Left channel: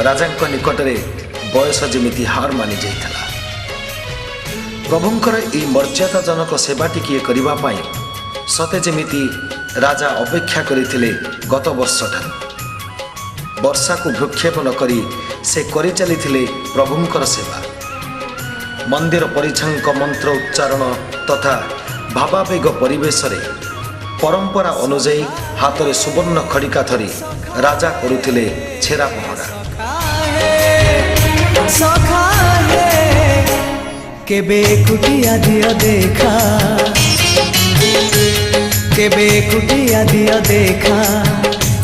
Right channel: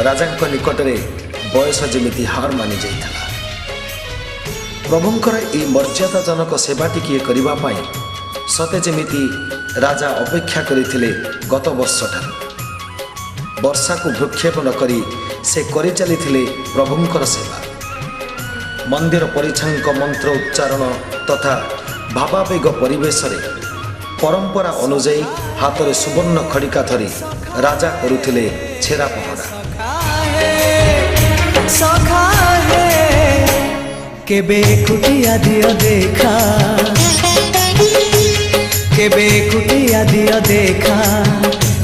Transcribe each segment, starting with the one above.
राजा निकट में बयस जमी हार मानि जाइथिला। प्रभुंकर यह मर्यादाजनक सेवा टिके करने सते जमिति राजा अपेक्षा करथिले गत वर्ष ठारू। वर्षा को भ्रूक्षेप नक से करि चलिथिले प्रभुंकर सेवा। मंदिर परिछांक मंत्र उच्चारण तथा भावावेग परिवेश रे परंपरा अनुजाई हाथ में सुवर्ण खड़िका धरी राजा करुथिले छेरा पहरा। सखा है केबे कुटिया दियो देखा, केबे कुटिया दियो देखा,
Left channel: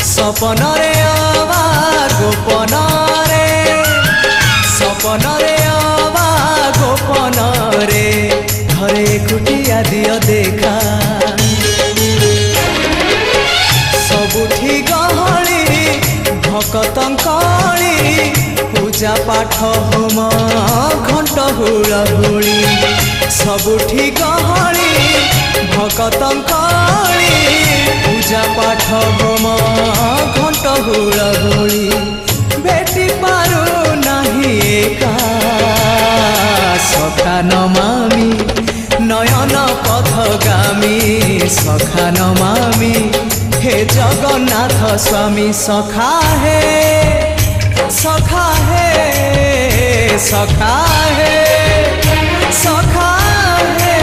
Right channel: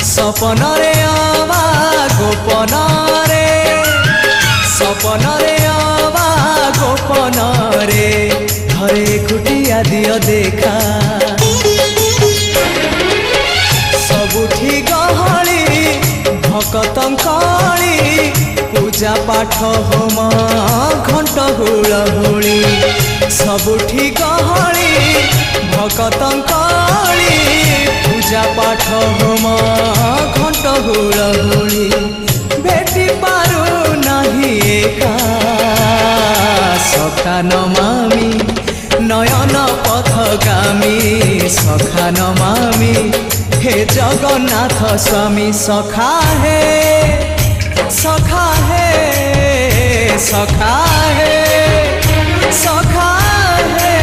सपन रे आवा गोपन रे, सपन रे आवा गोपन रे, थरे कुटिया दियो देखा। सबुठी गहली भकतंकली पूजा पाठ होम घंट हुलहुली, सबुठी गहली भकतंकली पूजा पाठ होम घंट हुलहुली, बेटी पारू नहीं एका सखा नमामि नयन पथगामी, सखा नमामि हे जगन्नाथ स्वामी। सखा है, सखा है, सखा है, सखा है।